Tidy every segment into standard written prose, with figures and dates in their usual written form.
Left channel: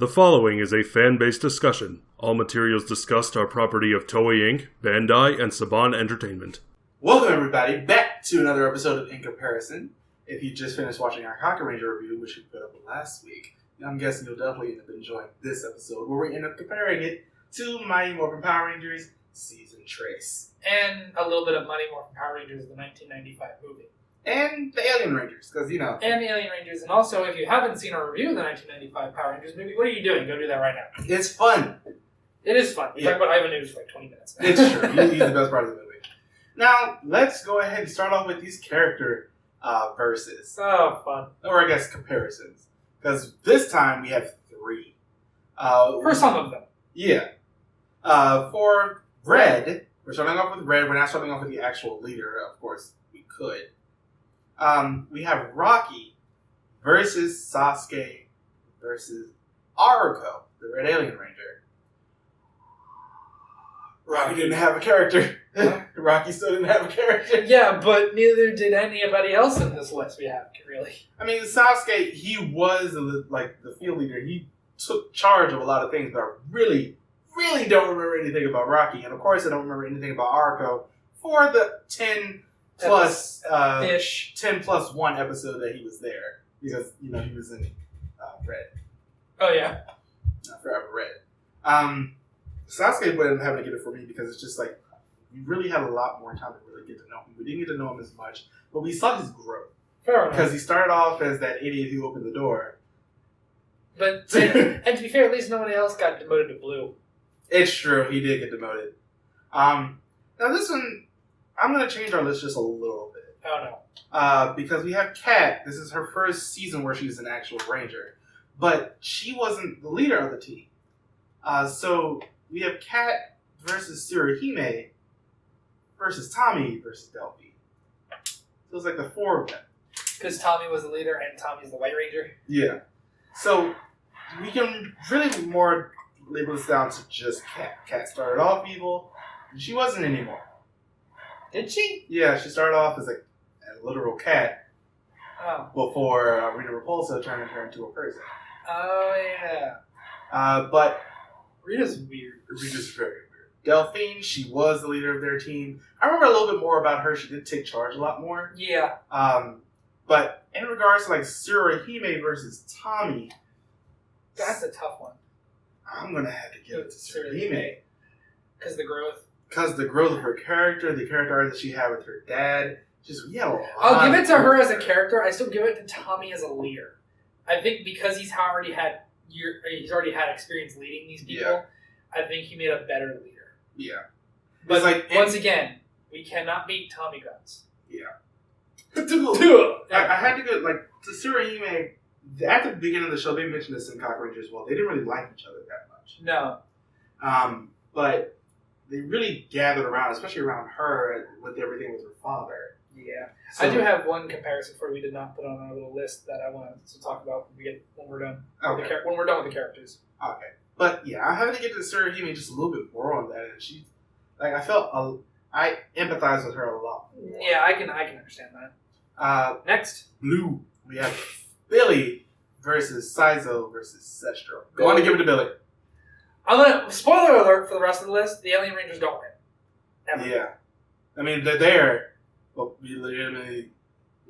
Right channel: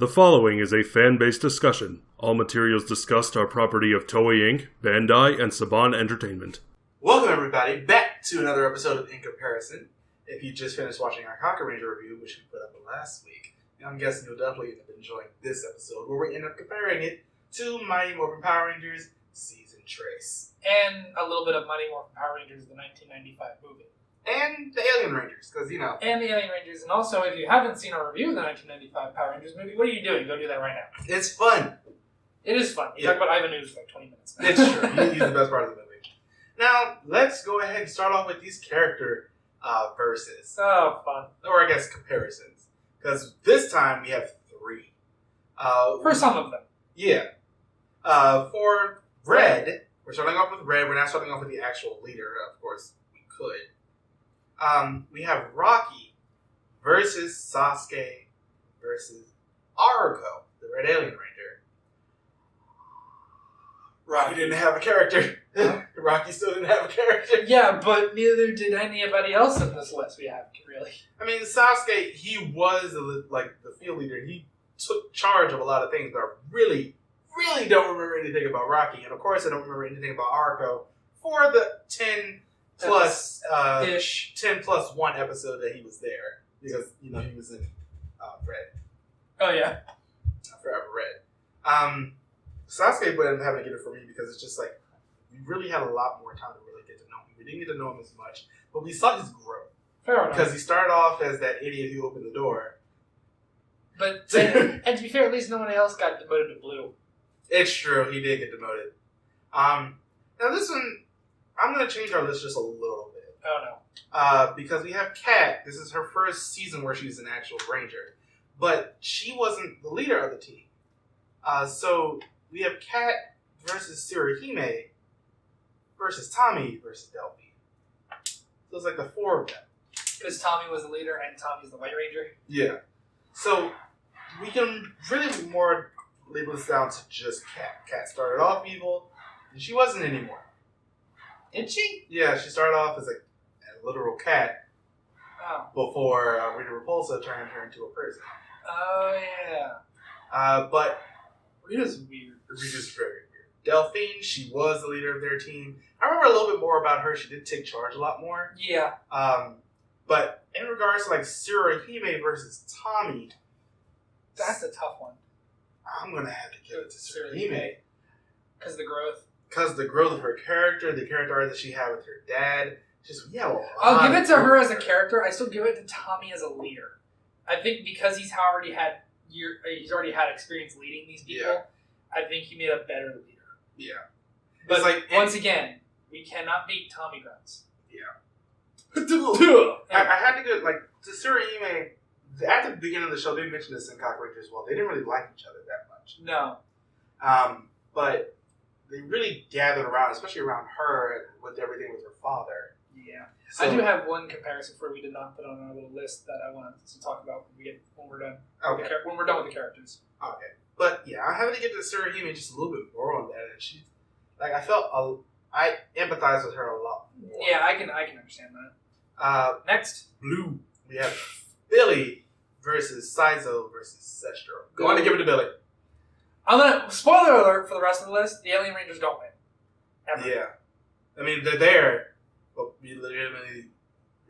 The following is a fan-based discussion. All materials discussed are property of Toei Inc., Bandai, and Saban Entertainment. Welcome everybody back to another episode of In Comparison. If you just finished watching our Kakuranger review, which we put up last week, I'm guessing you'll definitely end up enjoying this episode where we end up comparing it to Mighty Morphin Power Rangers Season Trace. And a little bit of Mighty Morphin Power Rangers, the 1995 movie. And the Alien Rangers, because, you know. And the Alien Rangers. And also, if you haven't seen our review of the 1995 Power Rangers movie, what are you doing? Go do that right now. It's fun. It is fun. You talk about Ivan News for like 20 minutes. It's true. He's the best part of the movie. Now, let's go ahead and start off with these character verses. Oh, fun. Or I guess comparisons. Because this time we have three. For some of them. Yeah. For Red, we're starting off with Red. We're not starting off with the actual leader. Of course, we could. We have Rocky versus Sasuke versus Aruko, the Red Alien Ranger. Rocky didn't have a character. Rocky still didn't have a character. Yeah, but neither did anybody else in this list we have, really. I mean, Sasuke, he was the field leader. He took charge of a lot of things, but I really don't remember anything about Rocky. And of course, I don't remember anything about Aruko for the 10 plus 1 episode that he was there. Because, you know, he was in Red. Oh, yeah. Forever Red. Sasuke wasn't having to get it for me because it's just like, we really had a lot more time to really get to know him. We didn't get to know him as much, but we saw his growth. Fair enough. Because he started off as that idiot who opened the door. But, and to be fair, at least no one else got demoted to blue. It's true, he did get demoted. Now this one, I'm going to change our list just a little bit. Oh no. Because we have Kat. This is her first season where she's an actual ranger. But she wasn't the leader of the team. So we have Kat versus Tsuruhime versus Tommy versus Delphi. So it's like the four of them. Because Tommy was the leader and Tommy's the White Ranger. Yeah. So we can really more label this down to just Kat. Kat started off evil, and she wasn't anymore. Did she? Yeah, she started off as like a literal cat before Rita Repulsa turned her into a person. Oh, yeah. But Rita's weird. Rita's very weird. Delphine, she was the leader of their team. I remember a little bit more about her. She did take charge a lot more. Yeah. But in regards to like Tsuruhime versus Tommy, that's a tough one. I'm going to have to give it to Tsuruhime. Because the growth. Because the growth of her character, the character arc that she had with her dad. I'll give it to her as a character. I still give it to Tommy as a leader. I think because he's already had experience leading these people, yeah. I think he made a better leader. Yeah. But once again, we cannot beat Tommy guns. Yeah. I had to go, to Tsuruhime, at the beginning of the show, they mentioned this in Kakuranger as well. They didn't really like each other that much. No. But they really gathered around, especially around her, with everything with her father. Yeah. So, I do have one comparison for we did not put on our little list that I wanted to talk about when we're done. Okay. When we're done with the characters. Okay. But yeah, I have to get to Tsuruhime just a little bit more on that, and she's I empathize with her a lot more. Yeah, I can understand that. Next, Blue. We have Billy versus Saizo versus Sestro. Go on to give it to Billy. I'm gonna spoiler alert for the rest of the list. The Alien Rangers don't win. Ever. Yeah, I mean they're there, but they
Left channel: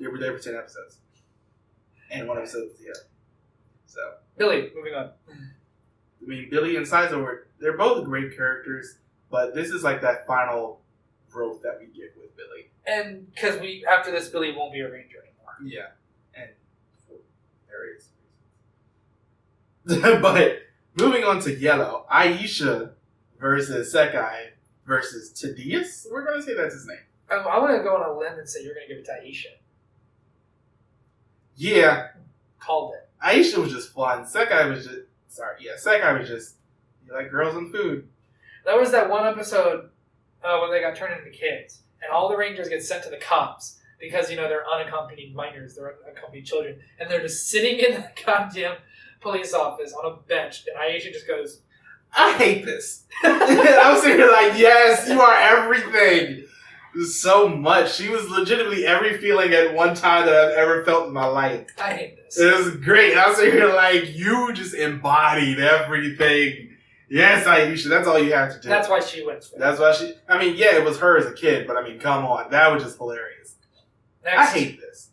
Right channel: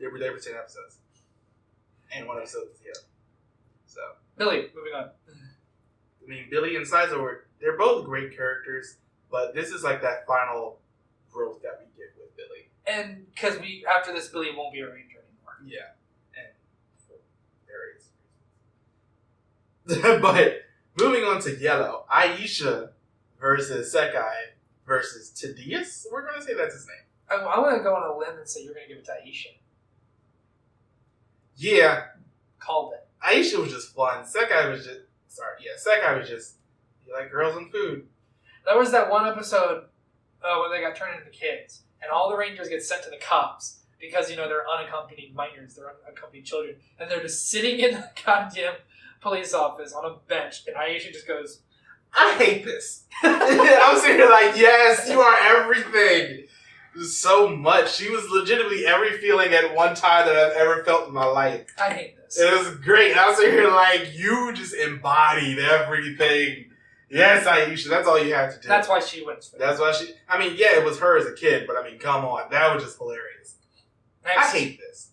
were there for 10 episodes, and 1 episode was the other. So Billy, moving on. I mean Billy and Saizo they're both great characters, but this is like that final growth that we get with Billy. And because after this, Billy won't be a ranger anymore. Yeah, and for various reasons. But moving on to Yellow, Aisha versus Sekai versus Tadius. We're going to say that's his name. I'm going to go on a limb and say you're going to give it to Aisha. Yeah. Called it. Aisha was just fun. Sekai was just, you like girls and food. There was that one episode when they got turned into kids, and all the Rangers get sent to the cops because, they're unaccompanied minors, they're unaccompanied children, and they're just sitting in the goddamn police office on a bench, and Aisha just goes, I hate this. And I'm sitting here like, yes, you are everything. so much. She was legitimately every feeling at one time that I've ever felt in my life. I hate this. It was great. I was here like, you just embodied everything. Yes, Aisha, that's all you have to do. That's why she wins. That's why she... I mean, yeah, it was her as a kid, but I mean, come on. That was just hilarious. Next. I hate this.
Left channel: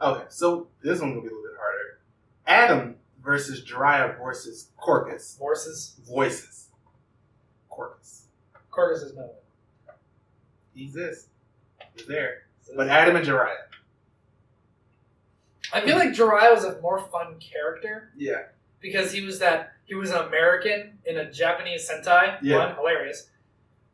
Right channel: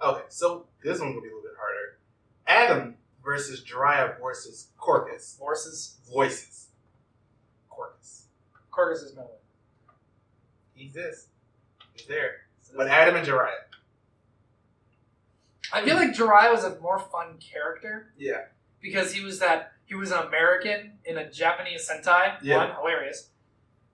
Okay, so this one's going to be a little bit harder. Adam versus Jiraiya versus Corcus. Voices. Corcus. Corcus is no. He exists. He's there. But Adam and Jiraiya. I feel like Jiraiya was a more fun character. Yeah. Because he was an American in a Japanese Sentai. Yeah. One, hilarious.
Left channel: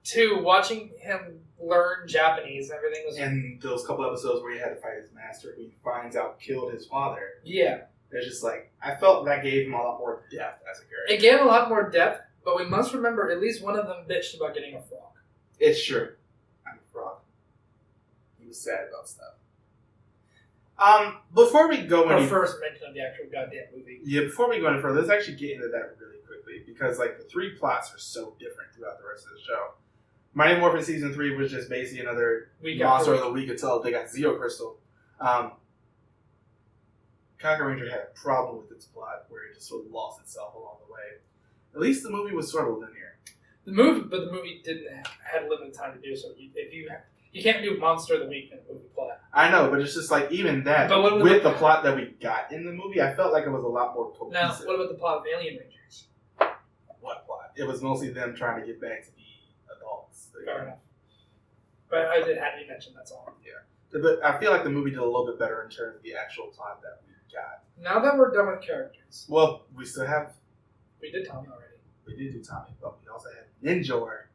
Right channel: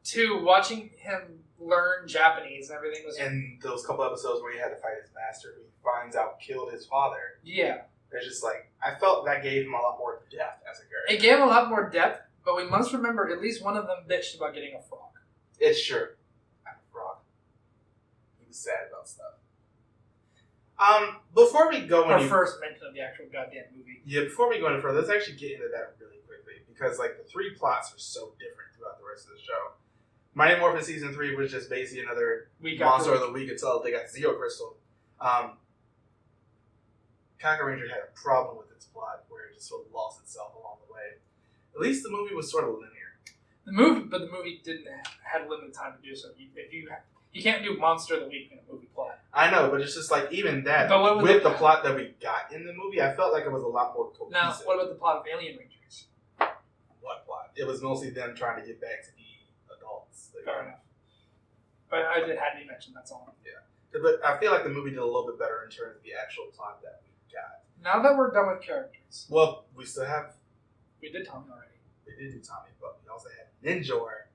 Two, watching him learn Japanese and everything was... And those couple episodes where he had to fight his master, who he finds out killed his father. Yeah. It's just like, I felt that gave him a lot more depth as a character. It gave him a lot more depth, but we must remember at least one of them bitched about getting a frog. It's true. I'm a frog. He was sad about stuff. Before we go Our any... first mention of the actual goddamn movie. Yeah, before we go any further, let's actually get into that really quickly, because like the three plots are so different throughout the rest of the show. Mighty Morphin Season 3 was just basically another monster of the week until they got Zeo Crystal. Kakuranger had a problem with its plot where it just sort of lost itself along the way. At least the movie was sort of linear. The movie didn't had limited time to do so. You can't do monster of the week in a movie plot. I know, but it's just like even that But with the plot that we got in the movie, I felt like it was a lot more cohesive. Now, what about the plot of Alien Rangers? What plot? It was mostly them trying to get back to be adults. Fair enough. But I did have to mention that's all. Yeah, but I feel like the movie did a little bit better in terms of the actual plot that we got. Now that we're done with characters, Well, we still have. we did Tommy already. We did do Tommy, but we also had Ninjor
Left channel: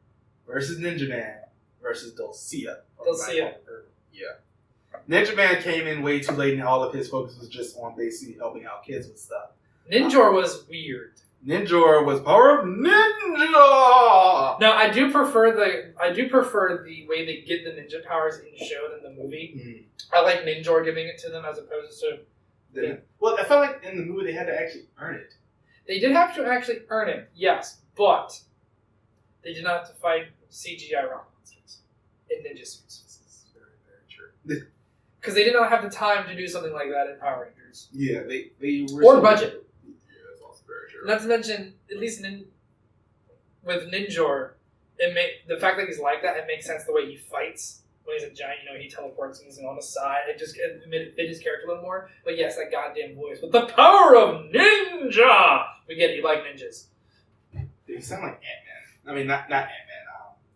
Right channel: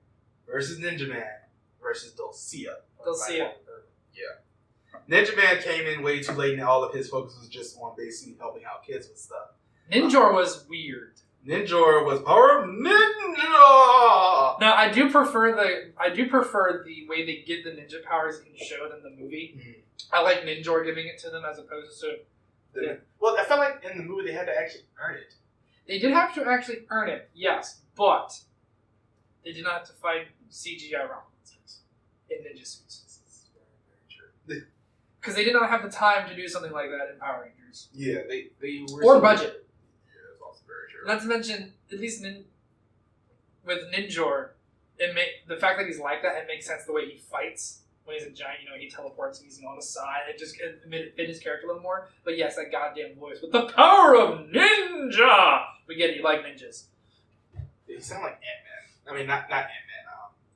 versus Ninja Man versus Dulcia. Dulcia. Yeah. Ninja Man came in way too late, and all of his focus was just on basically helping out kids with stuff. Ninjor was weird. Ninjor was power of ninja. Now I do prefer the way they give the ninja powers in the show than the movie. Mm. I like Ninjor giving it to them as opposed to... Well, I felt like in the movie they had to actually earn it. They did have to actually earn it, yes, but they did not have to fight CGI rock monsters in ninja suits. This is very, very true. Because they did not have the time to do something like that in Power Rangers. Yeah, they were... Or budget. Yeah, that's also very true. Not to mention, at least with Ninjor, the fact that he's like that, it makes sense the way he fights. When he's a giant, he teleports and he's on the side. It just fit his character a little more. But yes, that goddamn voice with the power of ninja! We get it, you like ninjas. He sound like Ant-Man. I mean, not Ant-Man,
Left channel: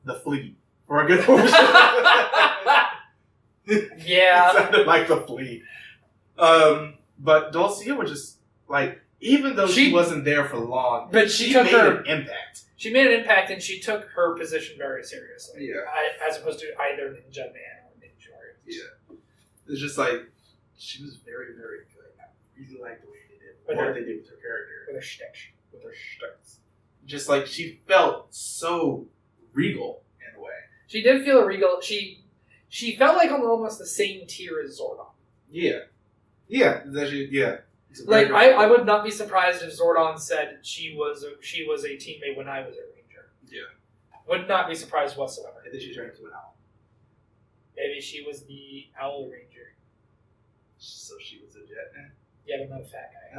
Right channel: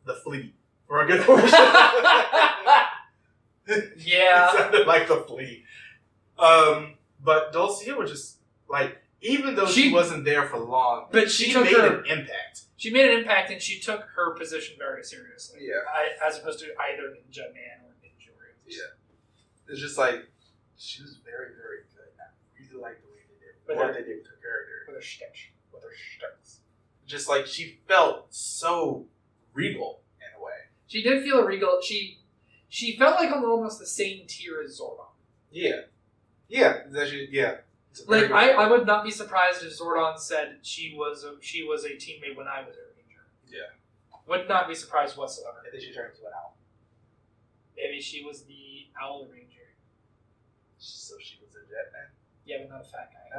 the Flea. For a good portion. Yeah. It sounded like the Flea. But Dulcia was just, like, even though she wasn't there for long, but she made an impact. She made an impact, and she took her position very seriously. Yeah. As opposed to either Ninja Man or Ninjor. Yeah. It's just like, she was very, very good. I really like the way they did what they did with her character. With her shtick. With her shticks. Just like, she felt so regal in a way. She did feel regal. She felt like on almost the same tier as Zordon. Yeah. Yeah. Yeah. Like, I would not be surprised if Zordon said she was a teammate when I was a Ranger. Yeah. Would not be surprised whatsoever. And then she turned into an owl. Maybe she was the Owl Ranger. So she was a jet man? Yeah, but not a fat guy.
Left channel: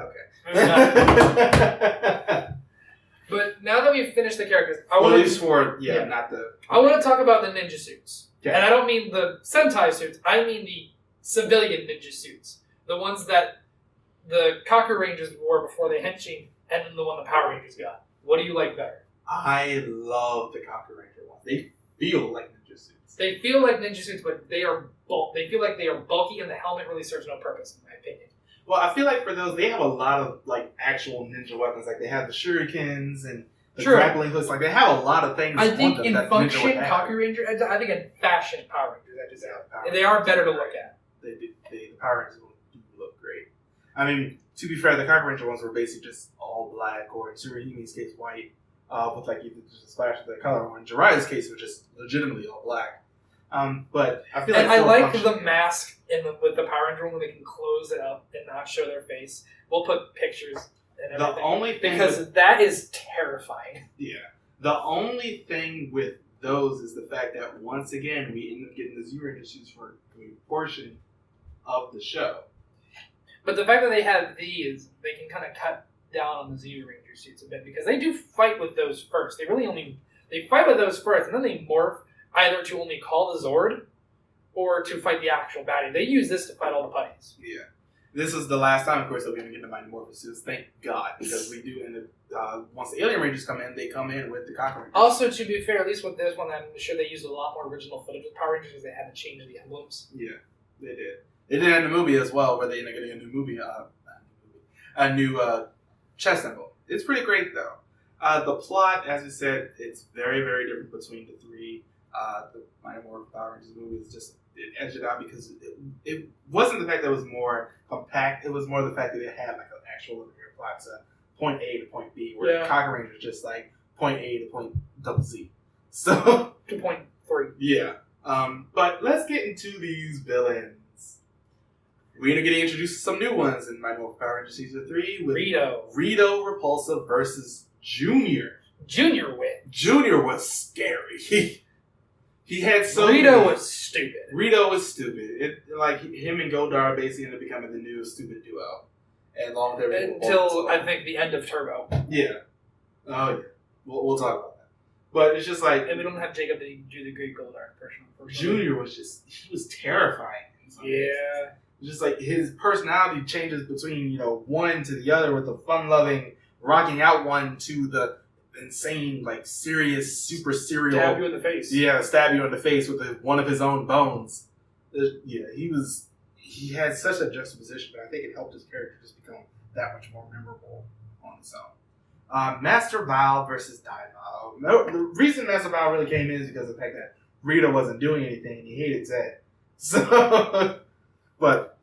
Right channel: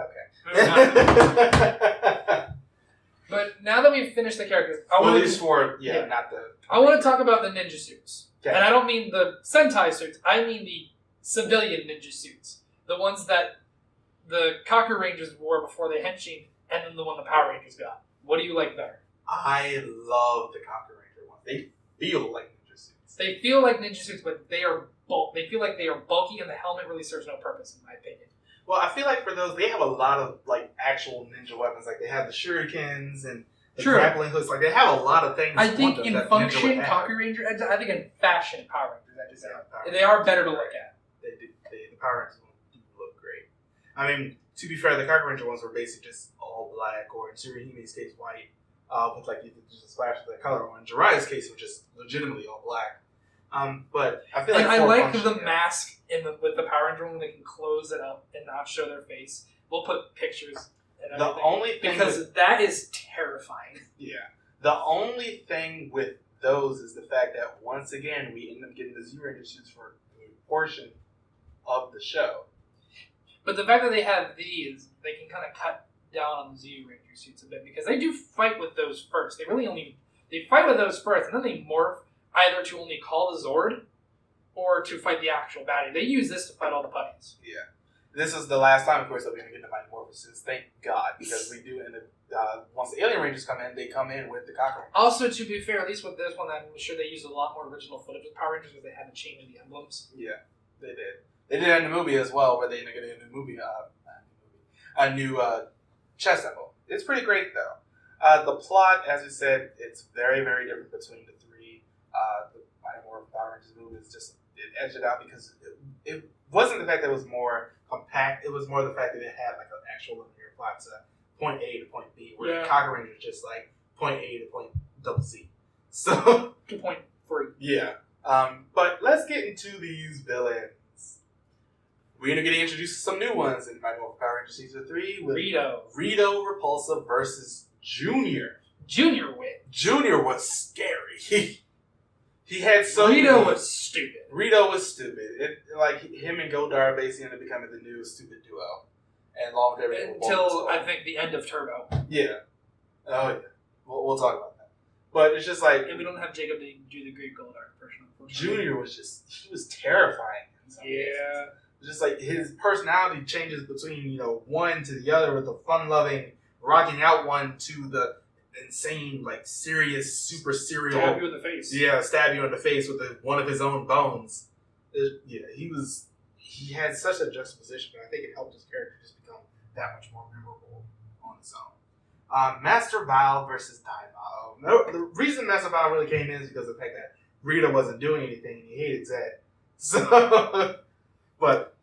Okay. But now that we've finished the characters, I not the... I want to talk about the ninja suits. Okay. And I don't mean the Sentai suits. I mean the civilian ninja suits. The ones that the Kakurangers wore before they henshin, and then the one the Power Rangers got. What do you like better? I love the Kakuranger ones. They feel like ninja suits. They feel like ninja suits, but they feel like they are bulky, and the helmet really serves no purpose, in my opinion. Well, I feel like for those, they have a lot of like actual ninja weapons. Like they have the shurikens and the grappling hooks. Like they have a lot of things. I think on them in that function, Ninja would have. Kakuranger, I think in fashion, Power Rangers, they are better to look at. The Power Rangers do look great. I mean, to be fair, the Kakuranger ones were basically just all black, or in Tsuruhime's case, white, with like just a splash of the color. Or in Jiraiya's case, it was just legitimately all black. But I feel like I like the mask with the Power Ranger when they can close it up and not show their face. We'll put pictures and everything. The only thing that is terrifying. Yeah. The only thing with those is the fact that once again we end up getting the Zero Ranger suits for a portion of the show. But the fact that they have these, they can kind of cut down on the Zeo Ranger suits a bit because they do fight with those first. They fight with those first, and then they morph either to only call the Zord or to fight the actual baddie. They use this to fight all the putties. Yeah. This is the last time, of course, that we're going to get the Mighty Morphin Seasons. Thank God, because we do end up, once the Alien Rangers come in, they come in with the Kakuranger. Also, to be fair, at least with this one, I'm sure they used a lot more original footage with Power Rangers because they had to change the emblems. Yeah, they did. They did it in the movie as well, where they end up getting a new movie, a new chest symbol. It's pretty great, though. The plot, as we said, it's very, very different between the three. The Mighty Morphin Power Rangers movie is just, it edged it out because it wasn't the fact that it was more compact, it was more the fact that it had like an actual linear plot to point A to point B, where the Kakuranger is just like point A to point double Z. So 2.3. Yeah. But let's get into these villains. We're going to get introduced to some new ones in Mighty Morphin Power Rangers Season 3 with Rito Repulsa versus Junior. Junior win. Junior was scary. He had so Rito was stupid. Rito was stupid. It like him and Goldar basically ended up becoming the new stupid duo. And along with everything. Until I think the end of Turbo. Yeah. Oh yeah. We'll talk about that. But it's just like, and we don't have Jacob to do the great Goldar impression. Junior was he was terrifying in some cases. Just like his personality changes between, one to the other, with the fun-loving, rocking out one to the insane, like, serious, super serial. Stab you in the face. Yeah, stab you in the face with one of his own bones. He had such a juxtaposition, but I think it helped his character just become that much more memorable on its own. Master Val versus Daimao. No, the reason Master Val really came in is because of the fact that Rita wasn't doing anything and he hated Zed. So... But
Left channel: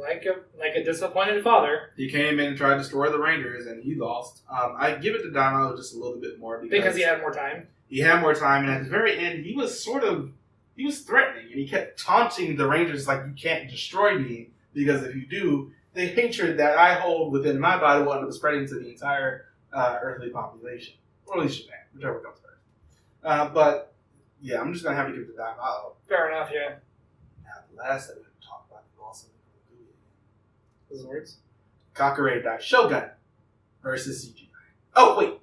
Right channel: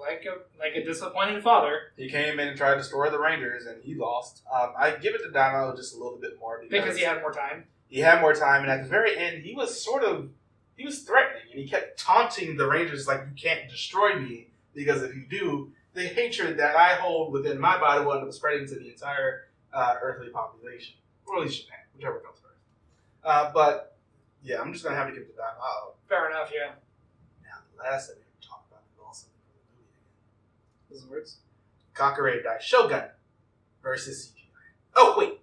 like a disappointed father, he came in and tried to destroy the Rangers, and he lost. I give it to Daimao just a little bit more because he had more time. He had more time, and at the very end, he was threatening, and he kept taunting the Rangers like, "You can't destroy me, because if you do, the hatred that I hold within my body will end up spreading to the entire earthly population, or at least Japan, whichever comes first." But yeah, I'm just gonna have to give it to Daimao. Fair enough, yeah. Now the last that we have to talk about is also those words. Kakuranger Daishogun versus CGI. Oh wait,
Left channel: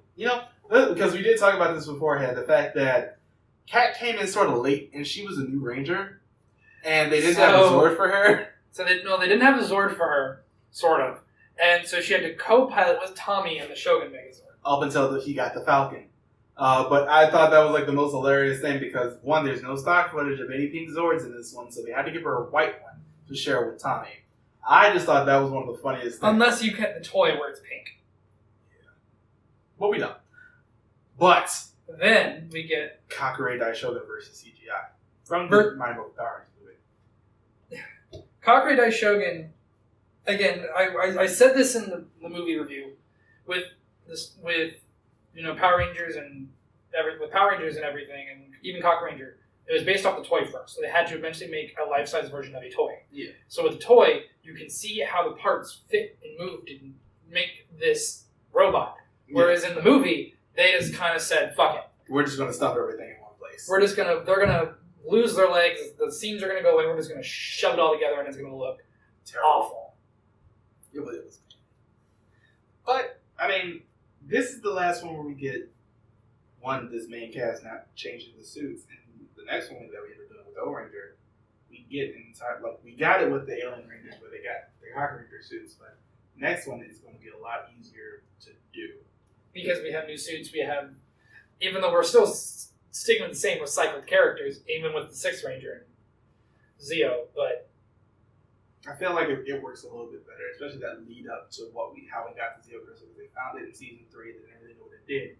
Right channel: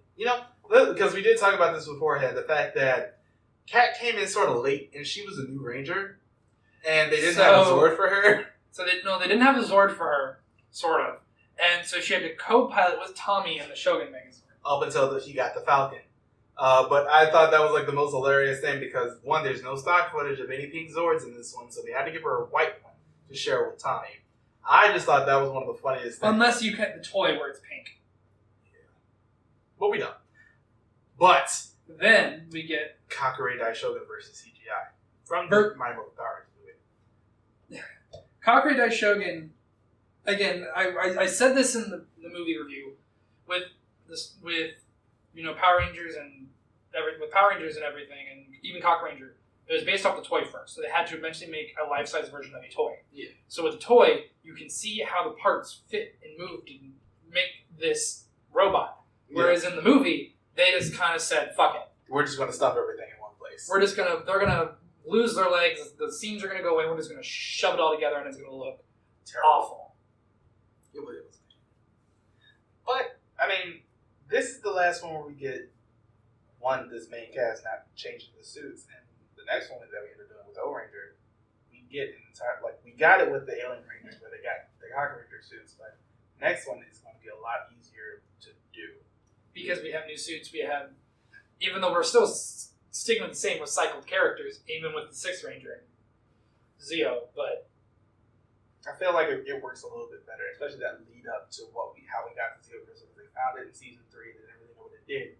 because we did talk about this beforehand, the fact that Kat came in sort of late and she was a new Ranger, and they didn't have a Zord for her. So they didn't have a Zord for her, sort of, and so she had to co-pilot with Tommy and the Shogun Megazord up until he got the Falcon. But I thought that was like the most hilarious thing because one, there's no stock footage of any pink Zords in this one, so they had to give her a white one to share with Tommy. I just thought that was one of the funniest things. Unless you get the toy where it's pink. Yeah. But we don't. But then we get Kakuranger Daishogun versus CGI from the Mighty Morphin Power Rangers movie. Kakuranger Daishogun. Again, I said this in the movie review with Power Rangers and everything, and even Kakuranger. It was based off the toy first, so they had to eventually make a life-size version of a toy. Yeah. So with the toy, you can see how the parts fit and moved and make this robot. Whereas in the movie, they just kind of said, "Fuck it, we're just going to stuff everything in one place. They're gonna lose their legs. The seams are gonna go away. We're just gonna shove it all together, and it's gonna look awful." It was. But I mean, this is the last one where we get this main cast not changing the suits, and the next one that we ended up doing with O-Ranger, we get we got it with the Alien Rangers where they got the Kakuranger suits, but next one is going to be a lot easier to do. Because we have new suits, even though we're still sticking with the same recycled characters, even with the Sixth Ranger and Zeo, but I feel like it works a little bit better, especially that lead up to how we got the Zeo Crystal, because they found it in Season 3, they didn't really know what it did.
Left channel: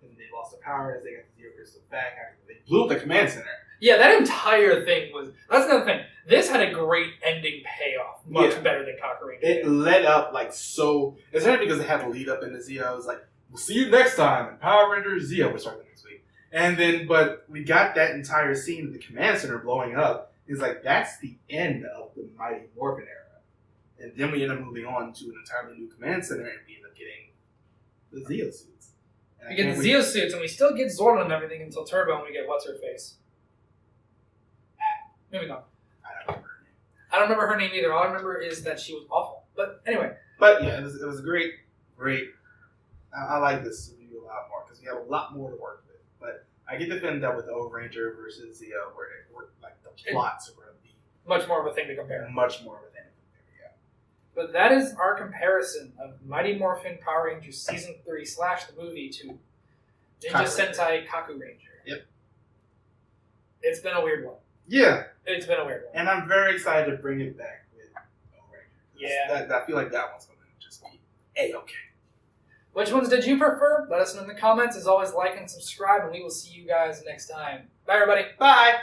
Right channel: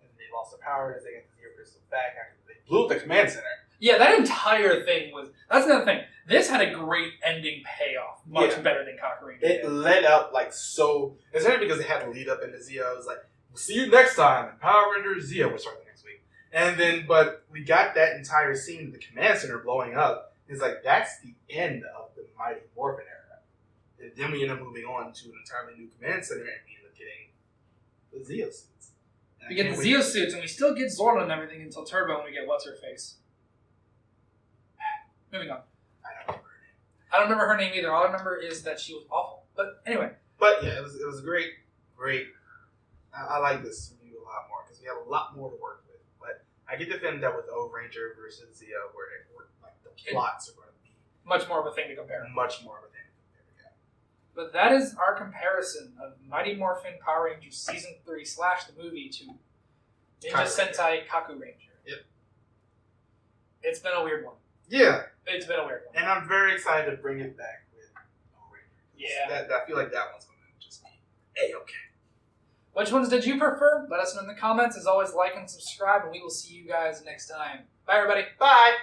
And they lost their power as they got the Zeo Crystal back after they blew up the command center. Yeah, that entire thing that's another thing. This had a great ending payoff, much better than Kakuranger. It led up especially because it had to lead up into Zeo. It was like, we'll see you next time, and Power Rangers Zeo will start the next week. And then, but we got that entire scene of the command center blowing up. It's like, that's the end of the Mighty Morphin era. And then we end up moving on to an entirely new command center, and we end up getting the Zeo suits. We get the Zeo suits, and we still get Zordon and everything until Turbo, and we get what's-her-face. Moving on. I don't remember her name either. All I remember is that she was awful. But anyway. But yeah, it was great. I like this review a lot more because we have a lot more to work with. But I get the feeling that with O Ranger versus Zeo, where like the plots are going to be much more of a thing to compare. Much more of a thing to compare, yeah. But that is our comparison of Mighty Morphin Power Rangers Season 3 / the movie to Ninja Sentai Kakuranger. Yep. It's been a weird one. Yeah. It's been a weird one. And I'm very excited to bring it back with O Ranger. Yeah. I feel like that one's going to just be A-okay. Which ones did you prefer? Let us know in the comments. As always, like and subscribe, and we will see you guys next time. Bye, everybody. Bye.